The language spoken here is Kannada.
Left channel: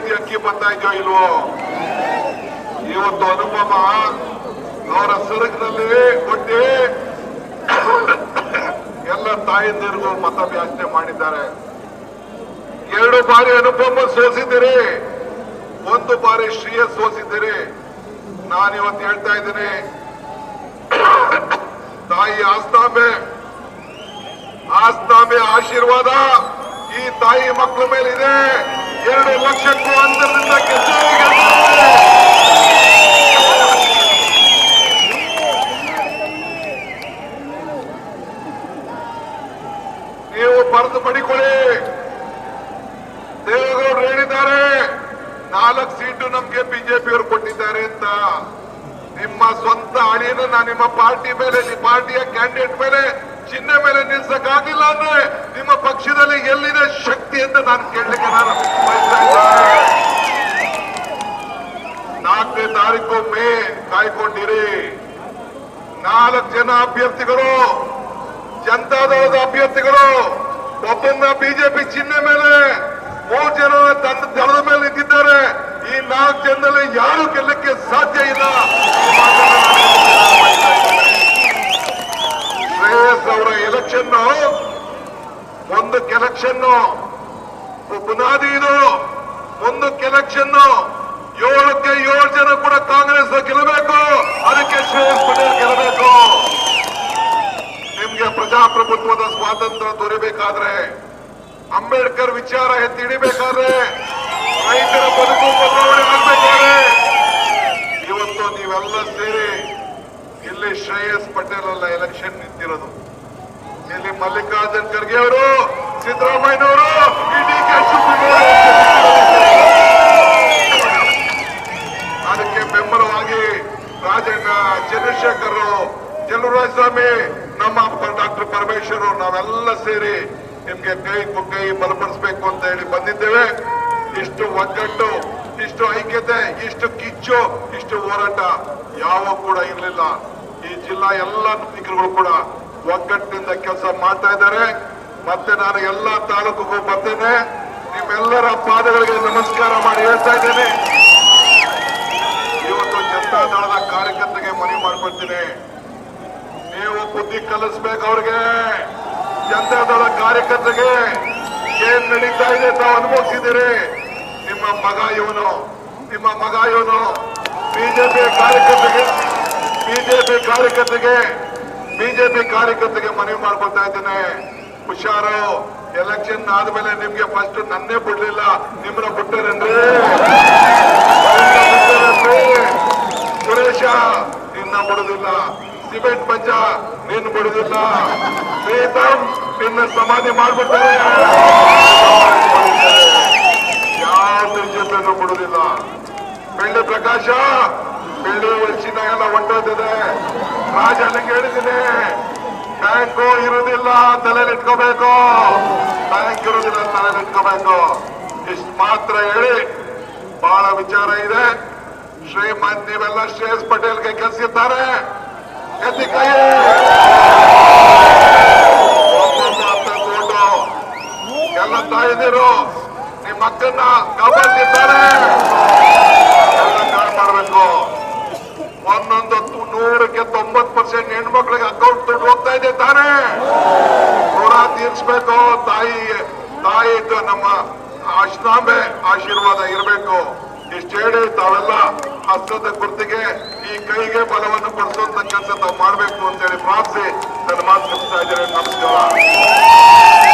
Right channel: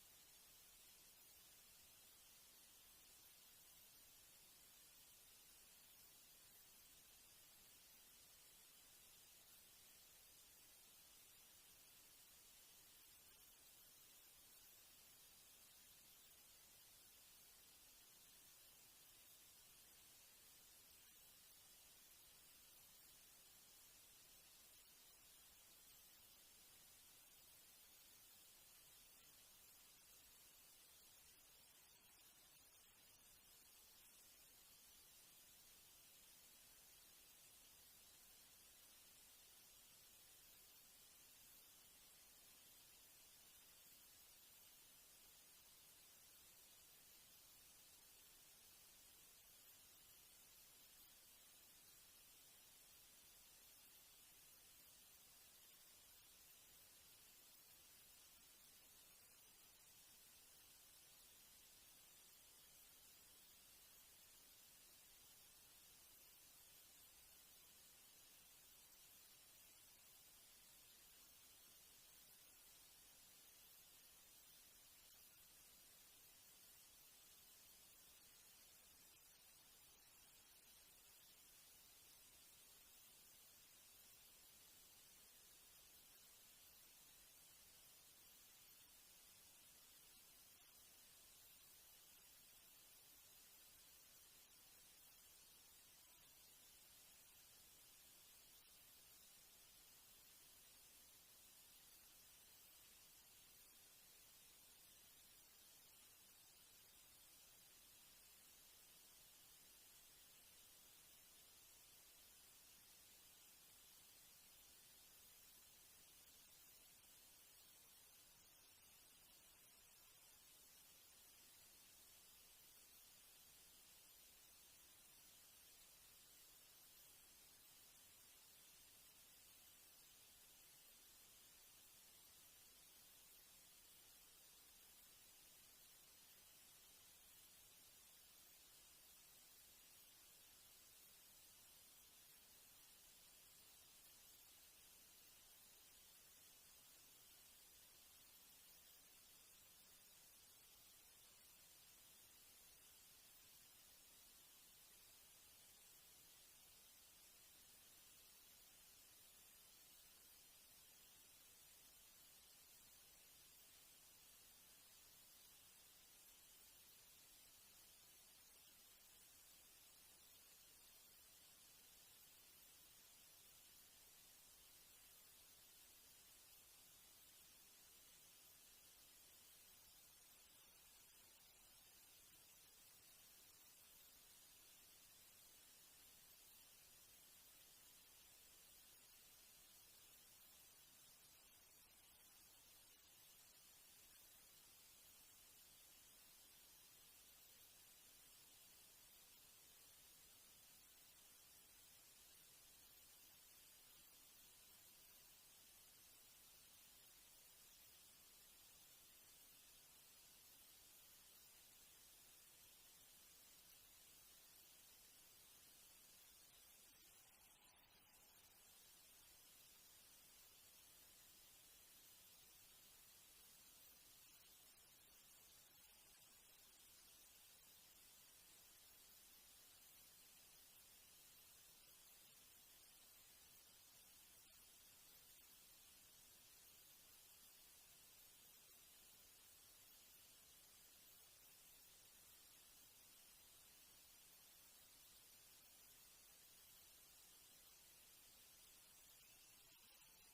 ಕೆಜಿ ಅಕ್ಕಿ ಬರ್ತಾ ಇದೆಯೋ ಇಲ್ವೋ? ಇವತ್ತು ಅನುಪಮ ಅವರ ಸರಕಿನಲ್ಲಿ ಕೊಟ್ಟಿ ಎಲ್ಲ ತಾಯಂದಿರಿಗೂ ಯಾಚನೆ ಮಾಡಿದ್ದಾರೆ. ಎರಡು ಬಾರಿ ಅನುಪಮ ಸೋಸಿದ್ದೀರಿ, ಒಂದು ಬಾರಿ ಶ್ರೀಯ ಸೋಸಿದ್ದೀರಿ. ನಾನಿವತ್ತು ಹೇಳ್ತಾ ಇದ್ದೀನಿ, ತಾಯಿ ಆಸ್ತಾಂಬೆ ಆಸ್ತಾಂಬೆ ಆಶೀರ್ವಾದ ಈ ತಾಯಿ ಮಕ್ಕಳ ಮೇಲಿದೆ. ಎರಡು ಲಕ್ಷಕ್ಕೂ ಅಂತರದಿಂದ. ನೀವು ಬರೆದು ಪಡಿಕೊಳ್ಳಿ. ದೇವೇಗೌಡರು ಹೇಳಿದ್ದಾರೆ, ನಾಲ್ಕು ಸೀಟು ನಮ್ಗೆ ಬಿಜೆಪಿಯವರು ಕೊಟ್ಟಿದ್ದಾರೆ ಅಂತ. ನಿಮ್ಮ ಸ್ವಂತ ಅಳಿಯನ್ನ ನಿಮ್ಮ ಪಾರ್ಟಿ ಮೇಲೆ, ನಿಮ್ಮ ಪಾರ್ಟಿಯ ಕ್ಯಾಂಡಿಡೇಟ್ ಮೇಲೆ, ಚಿಹ್ನೆ ಮೇಲೆ ನಿಲ್ಸಕ್ಕಾಗಿಲ್ಲ ಅಂದ್ರೆ ನಿಮ್ಮ ಪಕ್ಷದಲ್ಲಿ ಎಲ್ಲಿದೆ ಅಂತ ನಾನು ಕೇಳಲಿಕ್ಕೆ ನಾನು ನಾಲ್ಕನೇ ತಾರೀಕು ಮೇ, ಕಾಯ್ಕೊಂಡಿರಿ. ನಾಲ್ಕು ಜನ ಅಭ್ಯರ್ಥಿಗಳು, ಜನತಾದಳದ ಅಭ್ಯರ್ಥಿಗಳು ಒಬ್ಬನ್ನ ಬಿಜೆಪಿ ಚಿಹ್ನೆ ಮೇಲೆ, ಮೂರು ಜನ ತನ್ನ ದಳದ ಮೇಲೆ ನಿಂತಿದ್ದಾರೆ. ಈ ನಾಲ್ಕು ಜನದಲ್ಲಿ ಯಾರು ಗೆಲ್ಲಕ್ಕೆ ಸಾಧ್ಯ ಇಲ್ಲ. ಶ್ರೇಯಸ್ ಅವರ ಎಲೆಕ್ಷನ್ ಒಂದು ಎಲೆಕ್ಷನ್ ಬುನಾದಿ ಇದು. ಮುಂದಕ್ಕೆ ಎಲೆಕ್ಷನ್ ಏಳಕ್ಕೆ ಏಳು ಜನ ಕೂಡ ಕಾಂಗ್ರೆಸ್ ಗೆಲ್ಲಬೇಕು. ಅದಕ್ಕೆ ಶ್ರೇಯಸ್ ಪಟೇಲ್ ಗೆಲ್ಲಬೇಕು. ನಿಮ್ಗೆ ಪ್ರಜಾಪ್ರಭುತ್ವದ ಸ್ವಾತಂತ್ರ್ಯ ದೊರೆಯಬೇಕಾದ್ರೆ ಅಂಬೇಡ್ಕರ್ ವಿಚಾರ ಎತ್ತಿ ಹಿಡಿಬೇಕಾದ್ರೆ, ರೈತರ ಬದುಕು ಬದಲಾವಣೆ ಆಗ್ಬೇಕಾದ್ರೆ ಇವತ್ತು ನೀವೆಲ್ಲ ಸೇರಿ ಇಲ್ಲಿ ಶ್ರೇಯಸ್ ಪಟೇಲ್ ಅಲ್ಲ ಎಲೆಕ್ಷನ್ ನಿಂತಿರೋದು. ಇಲ್ಲಿ ಮಲ್ಲಿಕಾರ್ಜುನ್ ಖರ್ಗೆ ಅವರು ಸಿದ್ದರಾಮಯ್ಯನವರು ಅದಕ್ಕೆ ಬೆಂಬಲವಾಗಿ ರಾಜಣ್ಣ ಚಂದ್ರಶೇಖರ್ ಚಲುವರಾಜ ಸ್ವಾಮಿ, ನಮ್ಮ ಡಾಕ್ಟರ್ ಪರಮೇಶ್ವರ್ ನಾವೆಲ್ಲ ಸೇರಿ ನಿಮ್ಗೆ ಕೈ ಕೈ ಬಲಪಡಿಸಬೇಕು ಅಂತ ಹೇಳಿ ಬಂದಿದ್ದೇವೆ. ಇಷ್ಟು ಒಗ್ಗಟ್ಟು, ಇಷ್ಟು ಐಕ್ಯತೆ, ಇಷ್ಟು ಕಿಚ್ಚು, ಇಷ್ಟು ಹೋರಾಟ ಯಾವ ಕೂಡ ಇರಲಿಲ್ಲ. ಈ ಜಿಲ್ಲಾ ಎಲ್ಲ ನಾಯಕರುಗಳು ಕೂಡ ಒಗ್ಗಟ್ಟಿನಿಂದ ಕೆಲಸ ಮಾಡ್ತಾ ಇದ್ದಾರೆ. ಮತ್ತೆ ನಾನು ಎಲ್ಲಾ ತಾಲೂಕುಗೂ ಬರ್ತೇನೆ. ನಿಮ್ಮೆಲ್ಲರ ಪಾದಗಳಿಗೆ ನಮಸ್ಕಾರ ಮಾಡಿ ಹೇಳ್ತಾ ಇದ್ದೇನೆ. ಇವತ್ತು ಜನತಾ ದಳದ ಕಾರ್ಯಕರ್ತರಿಗೆ ಮನವಿ ಮಾಡ್ಕೊಳ್ತೀನಿ ನೀವು ಬುದ್ಧಿ ಕಲಿಸ್ಬೇಕು ಅವ್ರಿಗೆ. ಜನತಾ ದಳ ಕಾರ್ಯಕರ್ತರಿಗೆ ಏನ್ ನಡೀತಾ ಇದೆ ತಾವು ಅನುಭವಿಸಿದ್ದೀರಿ? ನಿಮ್ಮ ಮಗ ಇವನು, ನಿಮ್ಮ ಮಗ ಇವನು ಬಿಜೆಪಿ ಕಾರ್ಯಕರ್ತರಿಗೆ ಬಿಜೆಪಿ ಕಾರ್ಯಕರ್ತರಿಗೆ ಬಿಜೆಪಿ ಕಾರ್ಯಕರ್ತರಿಗೆ ಮನವಿ ಮಾಡ್ಕೊಳ್ತಾ ಇದ್ದೇನೆ. ಹುಷಾರು. ಎಲೆಕ್ಷನ್ ಆದ್ಮೇಲೆ ನಿಮ್ಗೆ ಫಸ್ಟ್ ನನ್ನೇ ಬಿಡ್ಲಿಲ್ಲ. ನಿಮ್ಮನ್ನ ಬಿಟ್ಟರೇನ್ರಿ? ಸುರೇಶ, ನಿನ್ನ ಬಿಡುದಿಲ್ಲ. ಸಿಮೆಂಟ್ ಪಂಚ, ನಿನ್ನ ಬಿಡುದಿಲ್ಲ. ಪ್ರೀತಮ್, ನಿನ್ನ ಸಮಾಧಿ ಮಾಡ್ಬಿಡ್ತಾರೆ ಯಾವ್ದು ಜೊತೆ ಬಿಡುದಿಲ್ಲ. ಬೆಳ್ಳಿ ಪ್ರಕಾಶ, ಬೆಳ್ಳಿ ಎಲ್ಲ ಹೊಂಟೋದಿದೆ ರಾಜ ಅಲ್ಲಿಗೆ ಹೇಳಿದ್ದೀನಿ ಇರುವುದಿಲ್ಲ ತಲೆಲಿಟ್ಕೋಬೇಕು ಬ್ಯಾಂಕ್ ಇರುವುದಿಲ್ಲ ತಲೆಲಿಟ್ಕೋಬೇಕು ಇಷ್ಟು ಮಾತ್ರ ಹೇಳಿ, ಬಹಳ ವಿಚಾರ ಇದೆ. ಶ್ರೀಮಂತ್ ನೀವೆಲ್ಲ ಶ್ರೇಯಸ್ ಪಟೇಲ್ಗೆ ಕೆಲಸಿದ್ದಾರೆ ಎತ್ತಿ ಕೈ. ಎಲ್ಲ ತಾಯಿದಿರು, ನಿಮ್ಮ ಮಕ್ಕಳನ್ನ ಕಾಪಾಡ್ತಿದ್ದಾರೆ. ಮಾಡಬೇಕು ಒಂದೊಂದು ನೂರಕ್ಕೆ ತೊಂಬತ್ ಪರ್ಸೆಂಟ್ ಹೆಣ್ಮಕ್ಳಿಗೆ ತಾನೇ ಋಣ ತೀರ್ಸ್ಬೇಕು, ತಾಯಿ ತಾಯಿ ನಮ್ಮ ಅಶ್ನಾಂಬೆ ಆಶೀರ್ವಾದ ಇರಬೇಕು. ಇಷ್ಟು ಹೇಳಿ ತಾವೆಲ್ಲ ಹಸ್ತದ ಗುರ್ತಿಗೆ ಈ ಕೈಗೆ ಬಲವನ್ನು ಕೊಡಿಸುವಂತ ಕೆಲಸ ತಾವು ಮಾಡಬೇಕು ಅಂತೇಳಿ ಪ್ರಾರ್ಥಿಸಿ. ನನ್ನ ಮಾತು ಮುಗಿಸ್ತಾ ಇದ್ದೇನೆ. ನಮಸ್ಕಾರ.